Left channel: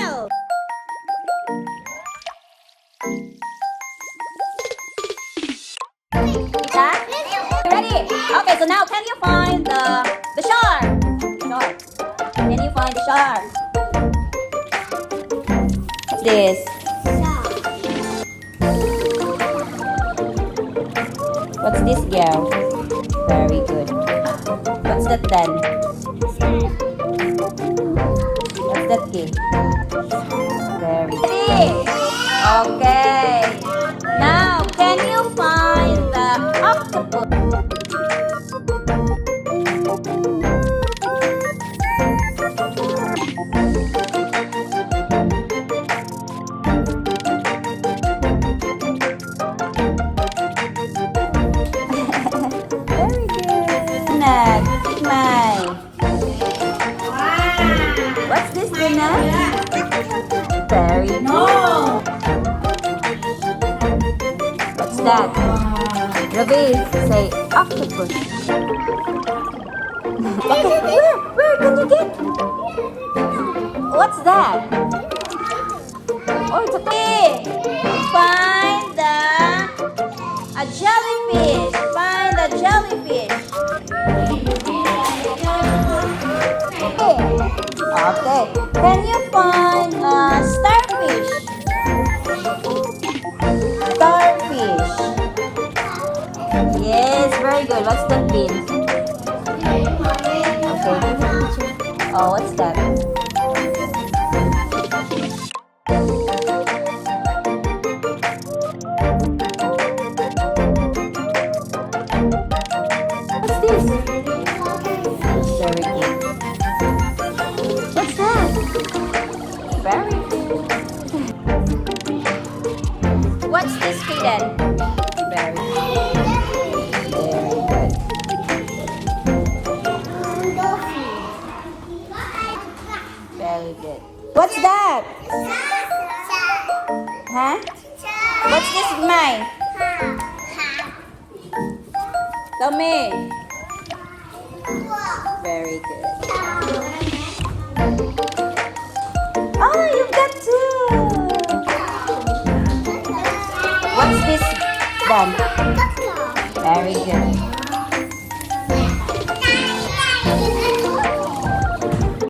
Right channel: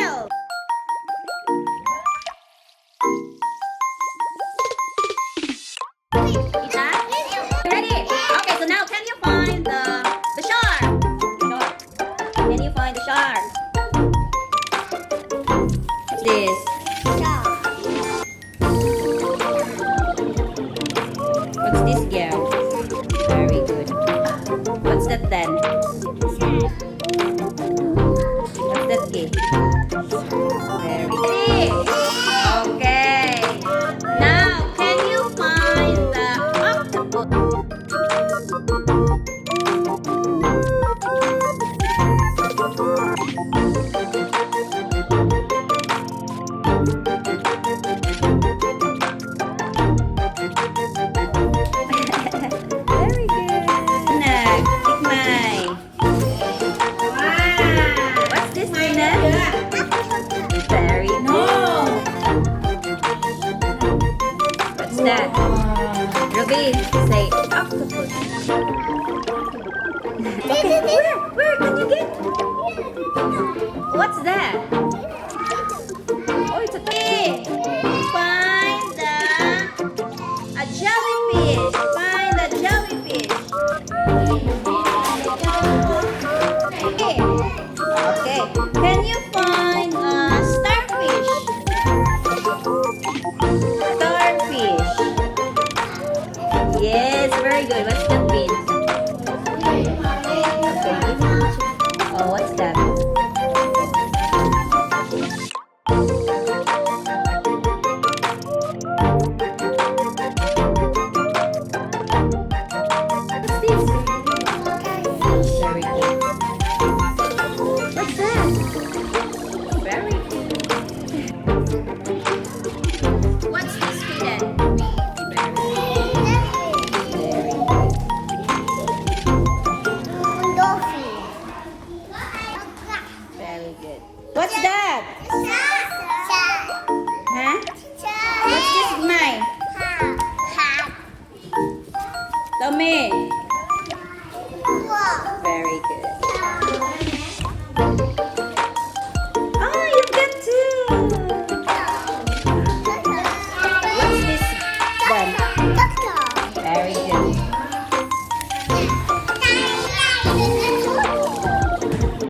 whale. Ita? Ready? Okay, so now can you find the shark? Can you find the shark? What's this? What's this, girl? Very good. What's that then? What's that gift? Very good. Okay. Now, can you find the octopus? Very good. Nat, tikman. What's this, Nat? Very good. What's that? Rabi, say octopus. Where can you get? What's that?